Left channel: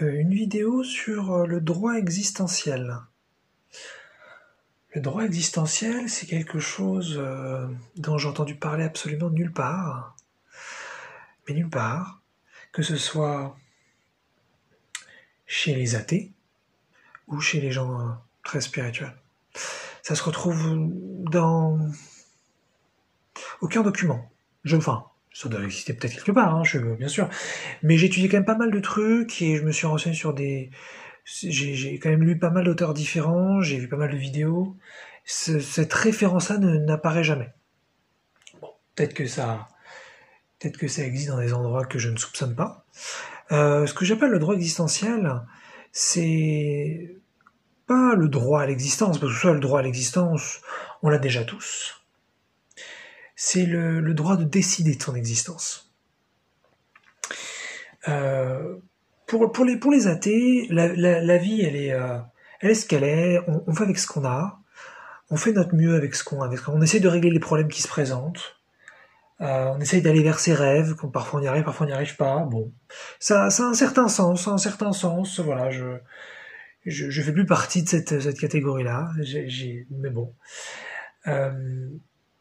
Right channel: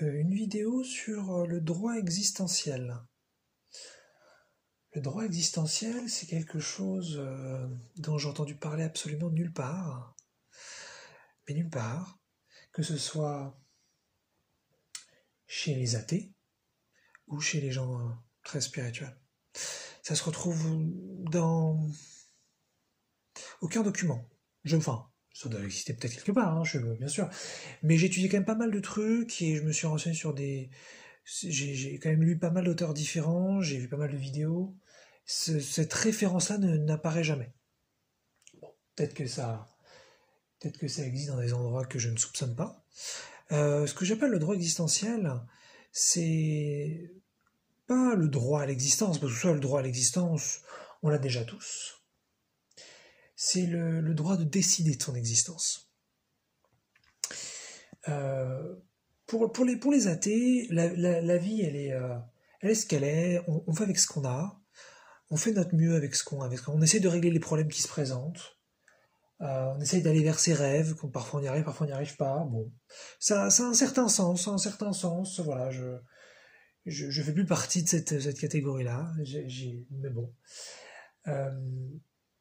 une vidéo sur le droit existentiel. Le droit existentiel, c'est quelque chose dont j'ai entendu parler absolument nulle part, mais nulle part, que ce soit chez les athées ou chez les gens très spirituels. Ça se retrouve dans aucun document. Enfin, ça doit exister peut-être quelque part, hein, bien sûr. Mais j'ai étudié quand même pas mal de trucs et je me suis renseigné sur des... J'ai quand même lu pas mal d'auteurs différents, j'ai vu pas mal de vidéos. Cette référence-là n'apparaît jamais. Bon, peut-être que ça existe dans des endroits que je ne soupçonne pas. Ce que j'appelle le droit existentiel, c'est pas le droit à l'existence, parce que ça, le droit à l'existence, on l'a déjà tous. C'est le droit de décider de son existence. Pour les athées, la vie, elle est ce qu'elle est, on fait avec ce qu'on a, on fait notre mieux avec ce qu'on a, on essaie de régler les problèmes qui se présentent, on essaye d'aller vers ses rêves, parfois on y arrive, parfois on n'y arrive pas, bon. Ça a un certain sens, voilà, je fais plus partie de cette catégorie-là, mais bon.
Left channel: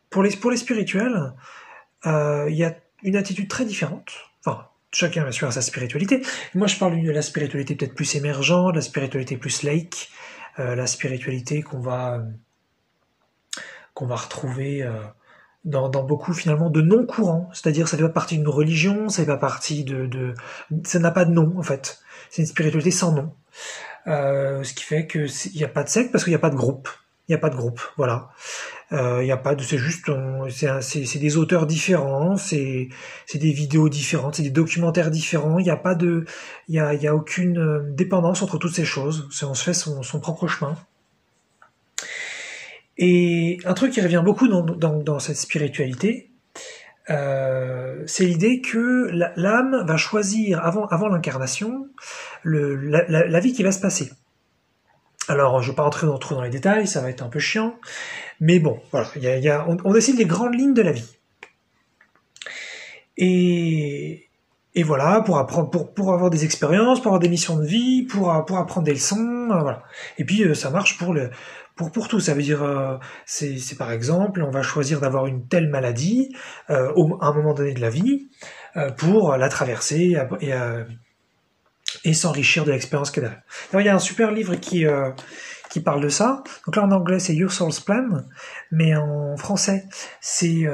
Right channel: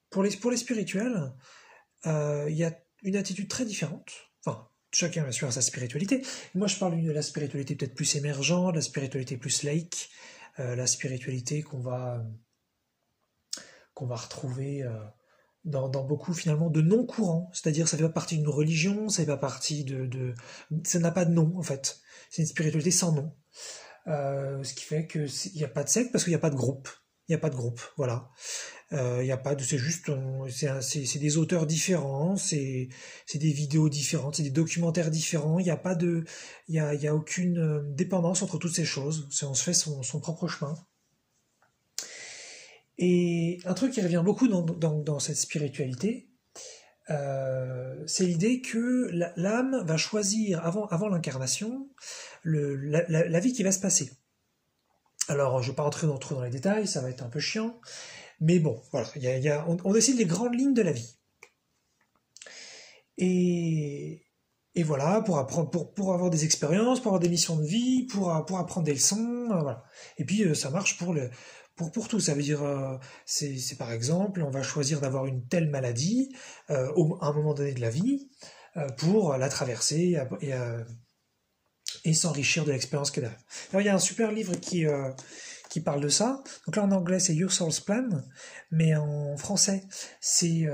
Pour les spirituels, il y a une attitude très différente. Enfin, chacun bien sûr a sa spiritualité. Moi, je parle de la spiritualité peut-être plus émergente, la spiritualité plus laïque, la spiritualité qu'on va retrouver dans beaucoup finalement de non-courants. C'est-à-dire, ça ne fait pas partie d'une religion, ça fait pas partie ça n'a pas de nom en fait. C'est une spiritualité sans nom. Ce qui fait qu'il n'y a pas de secte parce qu'il n'y a pas de groupe. Il n'y a pas de groupe, voilà. Il y a pas de, c'est juste, c'est des auteurs différents, c'est des vidéos différentes, c'est des documentaires différents. Il y a pas de, il y a aucune dépendance entre toutes ces choses. On se fait son propre chemin. Et un truc qui revient beaucoup dans cette spiritualité, c'est l'idée que l'âme va choisir avant l'incarnation la vie qui va se passer. Alors, je ne vais pas rentrer trop dans les détails, ça va être un peu chiant. Mais bon, voilà, on décide les grandes lignes de la vie. Et voilà, pour apprendre, pour avoir des expériences, pour avoir des missions de vie, pour apprendre des leçons, voilà. Et puis ça marche pour tout. Ça veut dire, c'est par exemple, on va choisir d'avoir une telle maladie à un moment donné de la vie pour la traverser et s'enrichir de l'expérience qu'elle a. Alors, il y a un super livre qui parle de ça. Donc là en anglais c'est Your Soul's Plan, mais en français c'est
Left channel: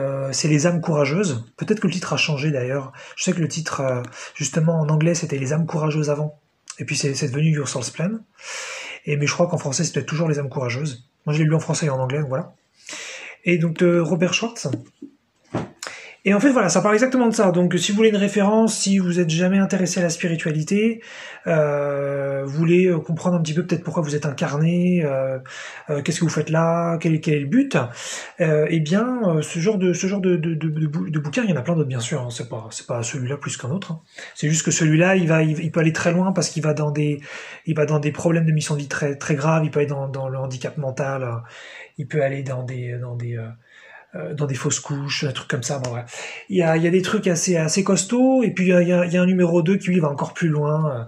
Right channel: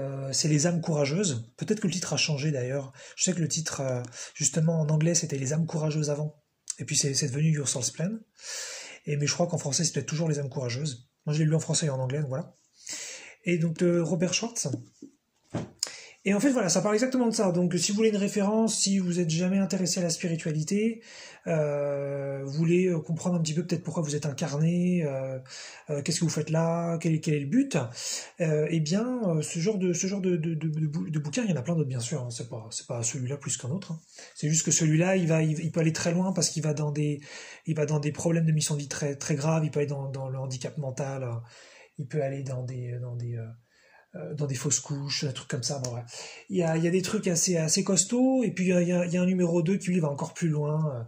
Les âmes courageuses. Peut-être que le titre a changé d'ailleurs. Je sais que le titre justement en anglais c'était Les âmes courageuses avant, et puis c'est devenu Your Soul's Plan. Mais je crois qu'en français c'est peut-être toujours Les âmes courageuses. Moi je l'ai lu en français et en anglais, donc voilà. Et donc de Robert Schwartz. Et en fait, voilà, ça parle exactement de ça. Donc, si vous voulez une référence, si vous êtes jamais intéressé à la spiritualité, vous voulez comprendre un petit peu peut-être pourquoi vous êtes incarné, qu'est-ce que vous faites là, quel est le but, eh bien, ce genre de bouquin, il y en a plein d'autres, bien sûr. Hein, c'est pas celui-là plus qu'un autre. Hein. C'est juste que celui-là, il peut aller très loin parce qu'il va dans des problèmes de mission de vie très très graves. Il peut aller dans le handicap mental. Il peut aller dans des fausses couches, des trucs comme ça. Bon, ouais. Il y a des trucs assez costauds, et puis il y a un numéro 2 qui lui va encore plus loin,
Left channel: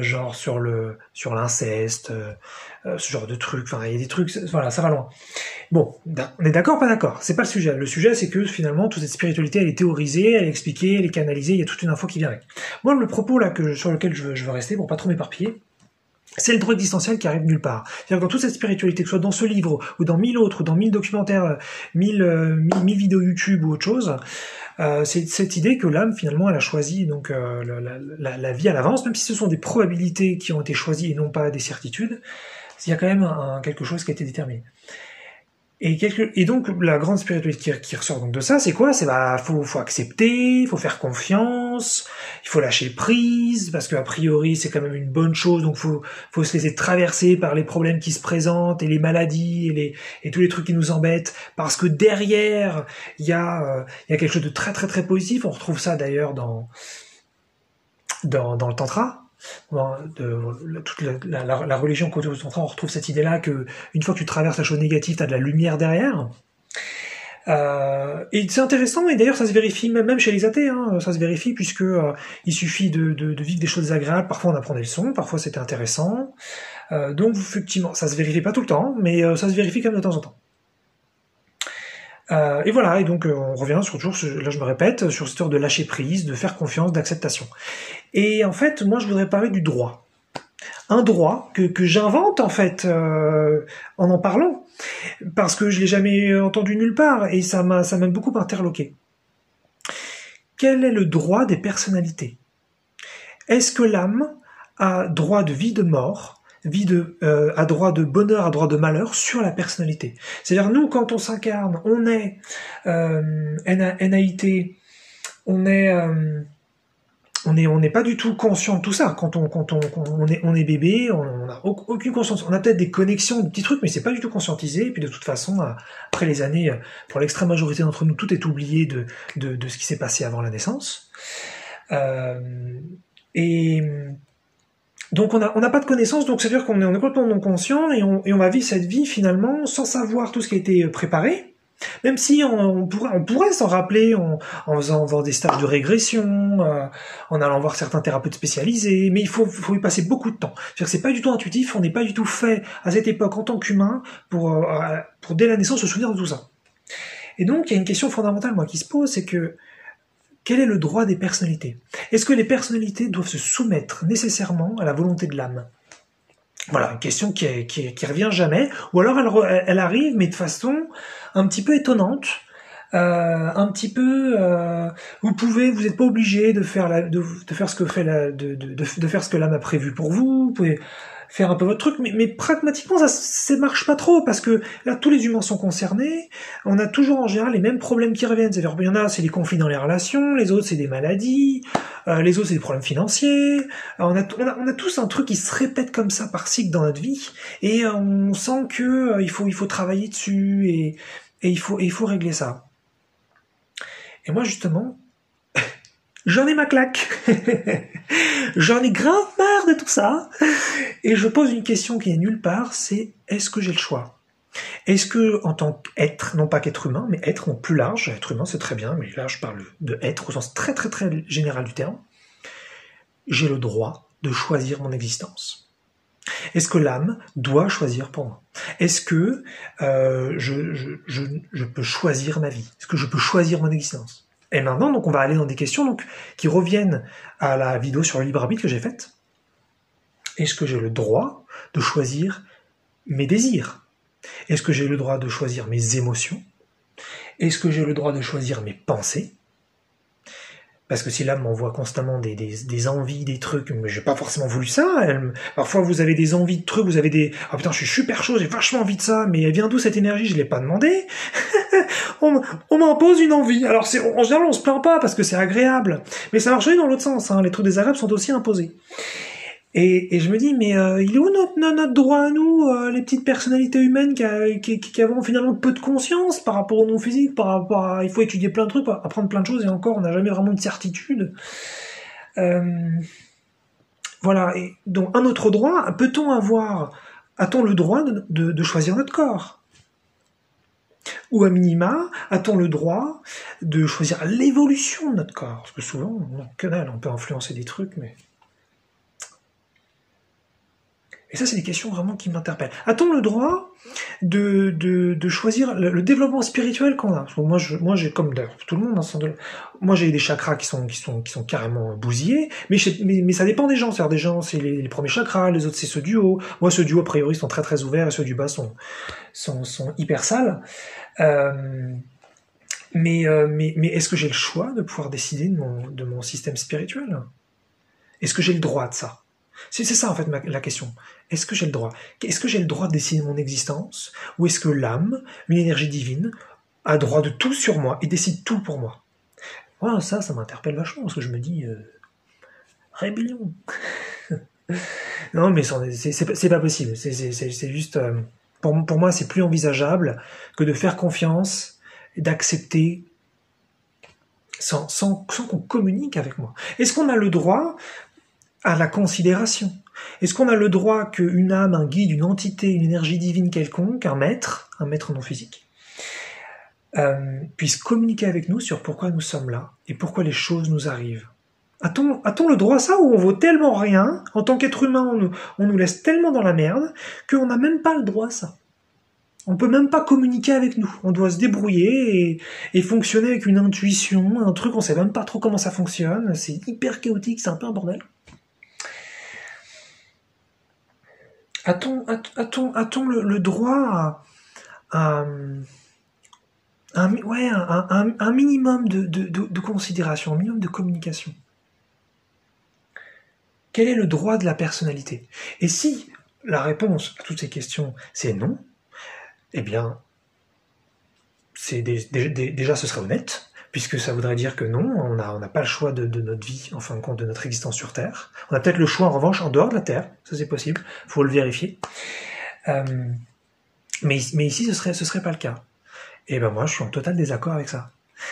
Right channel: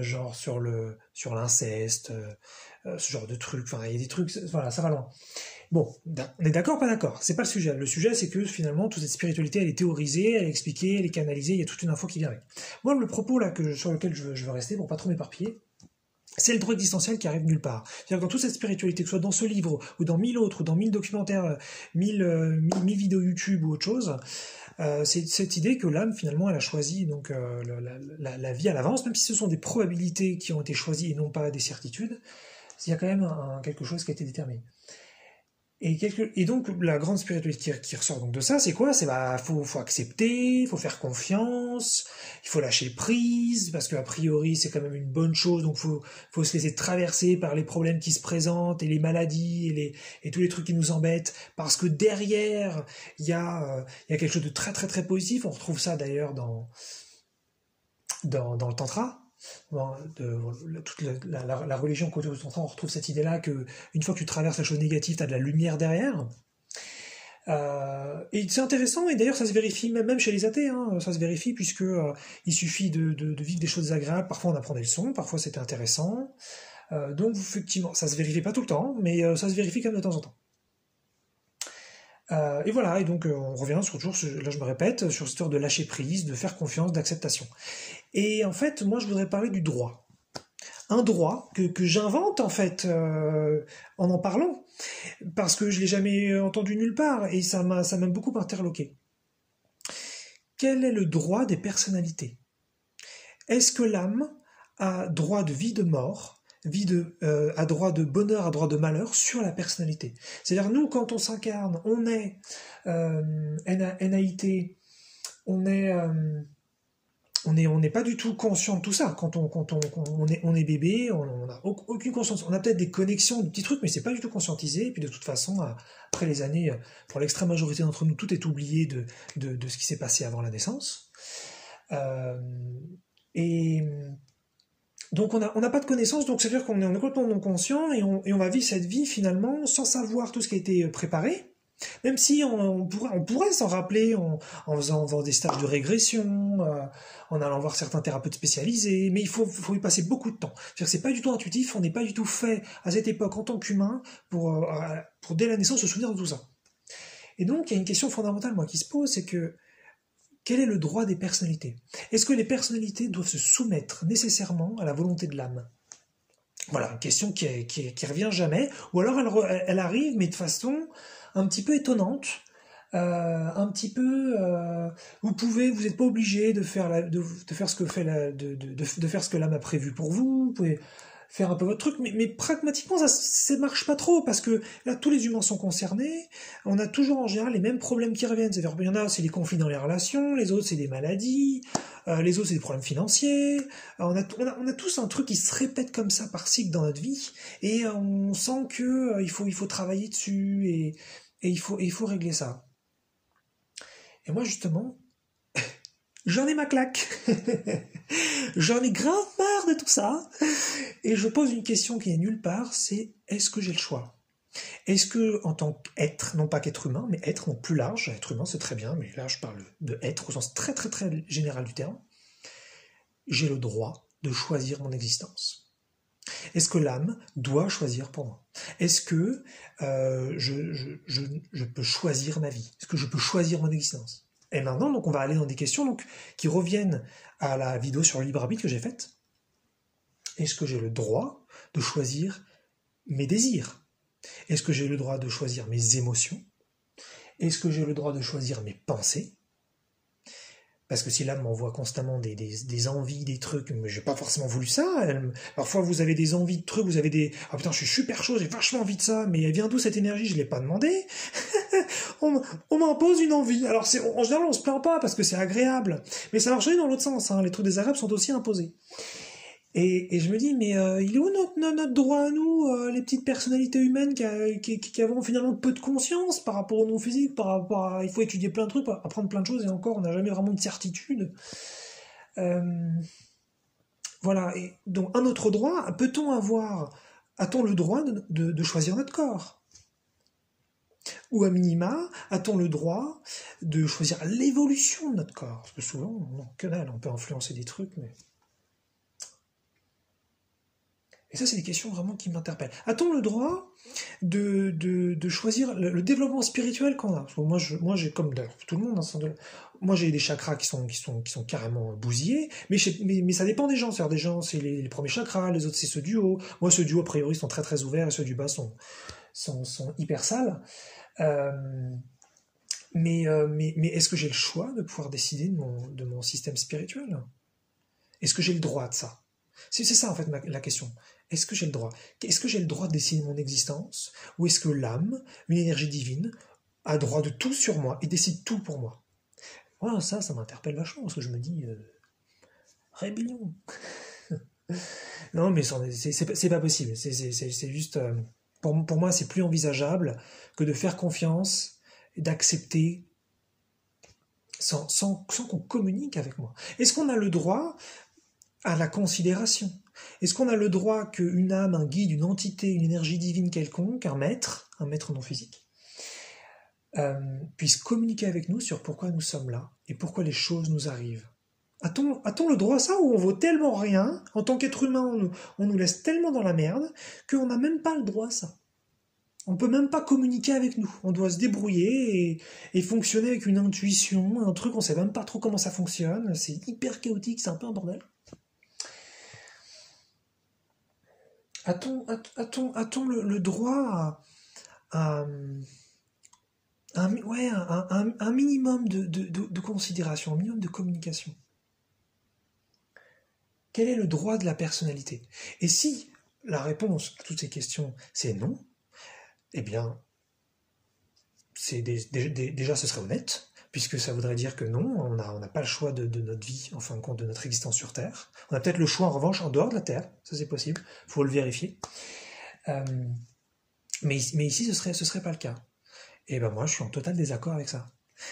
genre sur l'inceste, ce genre de trucs. Enfin, il y a des trucs, voilà, ça va loin. Bon, on est d'accord, pas d'accord. C'est pas le sujet. Le sujet, c'est que finalement, toute cette spiritualité, elle est théorisée, elle est expliquée, elle est canalisée. Il y a toute une info qui vient avec. Moi, le propos là sur lequel je veux rester pour pas trop m'éparpiller, c'est le droit existentiel qui arrive nulle part. C'est-à-dire que dans toute cette spiritualité, que ce soit dans ce livre, ou dans 1000 autres, ou dans 1000 documentaires, 1000 vidéos YouTube ou autre chose, c'est cette idée que l'âme, finalement, elle a choisi donc la vie à l'avance, même si ce sont des probabilités qui ont été choisies et non pas des certitudes, il y a quand même quelque chose qui a été déterminé. Et donc la grande spiritualité qui ressort donc de ça, c'est quoi? C'est faut accepter, faut faire confiance, il faut lâcher prise, parce qu'a priori c'est quand même une bonne chose, donc faut se laisser traverser par les problèmes qui se présentent, et les maladies, et tous les trucs qui nous embêtent, parce que derrière, il y a quelque chose de très très très positif. On retrouve ça d'ailleurs dans le tantra. Toute la religion côté au tantra, on retrouve cette idée-là que une fois que tu traverses la chose négative, tu as de la lumière derrière. Et c'est intéressant, et d'ailleurs ça se vérifie même chez les athées, hein, ça se vérifie puisque il suffit de vivre des choses agréables, parfois on apprend des leçons, parfois c'était intéressant, donc effectivement ça se vérifie pas tout le temps, mais ça se vérifie quand même de temps en temps. Et voilà, et donc on revient sur toujours, là je me répète, sur cette histoire de lâcher prise, de faire confiance, d'acceptation. Et en fait, moi je voudrais parler du droit. Un droit que j'invente en fait en parlant, parce que je l'ai jamais entendu nulle part, et ça m'a beaucoup interloqué. Quel est le droit des personnalités? Est-ce que l'âme a droit de vie, de mort, a droit de bonheur, a droit de malheur sur la personnalité? C'est-à-dire nous, quand on s'incarne, on est NAIT, on n'est pas du tout conscient de tout ça. Quand on est bébé, on n'a aucune conscience. On a peut-être des connexions, des petits trucs, mais c'est pas du tout conscientisé. Et puis de toute façon, après les années, pour l'extrême majorité d'entre nous, tout est oublié de ce qui s'est passé avant la naissance. Et donc on n'a pas de connaissances, donc c'est-à-dire qu'on est complètement non conscient et on va vivre cette vie finalement sans savoir tout ce qui a été préparé. Même si on pourrait s'en rappeler en faisant des stages de régression, en allant voir certains thérapeutes spécialisés, mais il faut y passer beaucoup de temps. C'est-à-dire que c'est pas du tout intuitif, on n'est pas du tout fait à cette époque en tant qu'humain pour dès la naissance se souvenir de tout ça. Et donc il y a une question fondamentale moi qui se pose, c'est que quel est le droit des personnalités? Est-ce que les personnalités doivent se soumettre nécessairement à la volonté de l'âme? Voilà, une question qui revient jamais, ou alors elle arrive, mais de façon un petit peu étonnante, un petit peu, vous n'êtes pas obligé de faire ce que de faire ce que l'âme a prévu pour vous. Vous pouvez faire un peu votre truc, mais pragmatiquement ça marche pas trop parce que là tous les humains sont concernés. On a toujours en général les mêmes problèmes qui reviennent. C'est-à-dire, il y en a, c'est les conflits dans les relations, les autres c'est des maladies, les autres c'est des problèmes financiers. On a tous un truc qui se répète comme ça par cycle dans notre vie, et on sent que il faut travailler dessus et il faut régler ça. Et moi justement, j'en ai ma claque. J'en ai grave marre de tout ça. Et je pose une question qui est nulle part, c'est est-ce que j'ai le choix? Est-ce que, en tant qu'être, non pas qu'être humain, mais être, donc plus large, être humain c'est très bien, mais là je parle de être au sens très très très général du terme, j'ai le droit de choisir mon existence? Est-ce que l'âme doit choisir pour moi? Est-ce que je peux choisir ma vie? Est-ce que je peux choisir mon existence? Et maintenant, donc, on va aller dans des questions donc, qui reviennent à la vidéo sur le libre arbitre que j'ai faite. Est-ce que j'ai le droit de choisir mes désirs? Est-ce que j'ai le droit de choisir mes émotions? Est-ce que j'ai le droit de choisir mes pensées? Parce que si l'âme m'envoie constamment des envies, des trucs, mais j'ai pas forcément voulu ça. Parfois vous avez des envies de trucs, vous avez des ah putain je suis super chaud, j'ai vachement envie de ça, mais elle vient d'où cette énergie? Je l'ai pas demandé. on m'impose une envie. Alors en général on se plaint pas parce que c'est agréable, mais ça marche aussi dans l'autre sens. Hein. Les trucs désagréables sont aussi imposés. Et je me dis, mais il est où notre droit à nous, les petites personnalités humaines qui avons finalement peu de conscience par rapport au non-physique, par rapport à... Il faut étudier plein de trucs, apprendre plein de choses, et encore, on n'a jamais vraiment de certitude. Voilà, et donc un autre droit, a-t-on le droit de choisir notre corps? Ou à minima, a-t-on le droit de choisir l'évolution de notre corps? Parce que souvent, on peut influencer des trucs, mais... Et ça, c'est des questions vraiment qui m'interpellent. A-t-on le droit de choisir le développement spirituel qu'on a? Parce que moi, j'ai comme d'ailleurs tout le monde, moi j'ai des chakras qui sont carrément bousillés, mais ça dépend des gens. C'est-à-dire des gens, c'est les premiers chakras, les autres c'est ceux du haut. Moi, ceux du haut, a priori, sont très très ouverts, et ceux du bas sont hyper sales. Mais est-ce que j'ai le choix de pouvoir décider de mon système spirituel? Est-ce que j'ai le droit de ça? C'est ça en fait la question. Est-ce que j'ai le droit? Est-ce que j'ai le droit de décider de mon existence? Ou est-ce que l'âme, une énergie divine, a droit de tout sur moi et décide tout pour moi? Voilà, ça m'interpelle vachement parce que je me dis rébellion. Non mais c'est pas possible. C'est juste pour moi c'est plus envisageable que de faire confiance et d'accepter sans qu'on communique avec moi. Est-ce qu'on a le droit à la considération? Est-ce qu'on a le droit qu'une âme, un guide, une entité, une énergie divine quelconque, un maître non physique, puisse communiquer avec nous sur pourquoi nous sommes là et pourquoi les choses nous arrivent. A-t-on le droit à ça, ou on vaut tellement rien, en tant qu'être humain, on nous laisse tellement dans la merde, qu'on n'a même pas le droit à ça. On peut même pas communiquer avec nous. On doit se débrouiller et fonctionner avec une intuition, un truc, on sait même pas trop comment ça fonctionne, c'est hyper chaotique, c'est un peu un bordel. A-t-on le droit à un minimum de considération, un minimum de communication? Quel est le droit de la personnalité? Et si la réponse à toutes ces questions, c'est non, eh bien, déjà ce serait honnête, puisque ça voudrait dire que non, on n'a pas le choix de notre vie, en fin de compte, de notre existence sur Terre. On a peut-être le choix, en revanche, en dehors de la Terre, ça c'est possible, il faut le vérifier. Mais ici, ce serait pas le cas. Et ben moi, je suis en total désaccord avec ça.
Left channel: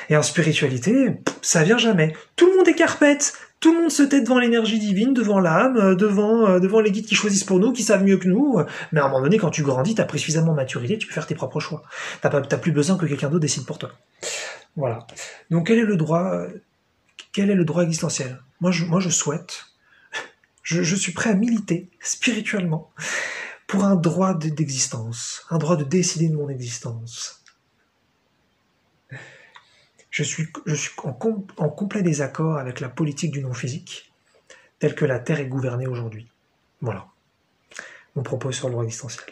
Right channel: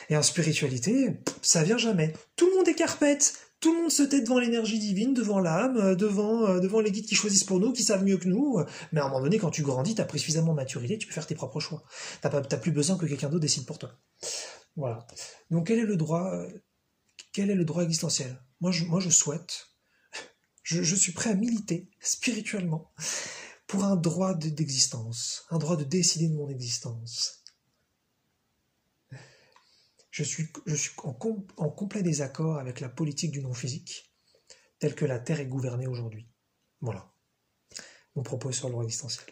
Et en spiritualité, ça vient jamais. Tout le monde est carpette, tout le monde se tait devant l'énergie divine, devant l'âme, devant les guides qui choisissent pour nous, qui savent mieux que nous. Mais à un moment donné, quand tu grandis, t'as pris suffisamment de maturité, tu peux faire tes propres choix. T'as plus besoin que quelqu'un d'autre décide pour toi. Voilà. Donc quel est le droit existentiel? Moi, je souhaite, je suis prêt à militer spirituellement pour un droit d'existence, un droit de décider de mon existence. Je suis en complet désaccord avec la politique du non-physique, telle que la Terre est gouvernée aujourd'hui. Voilà, mon propos sur le droit existentiel.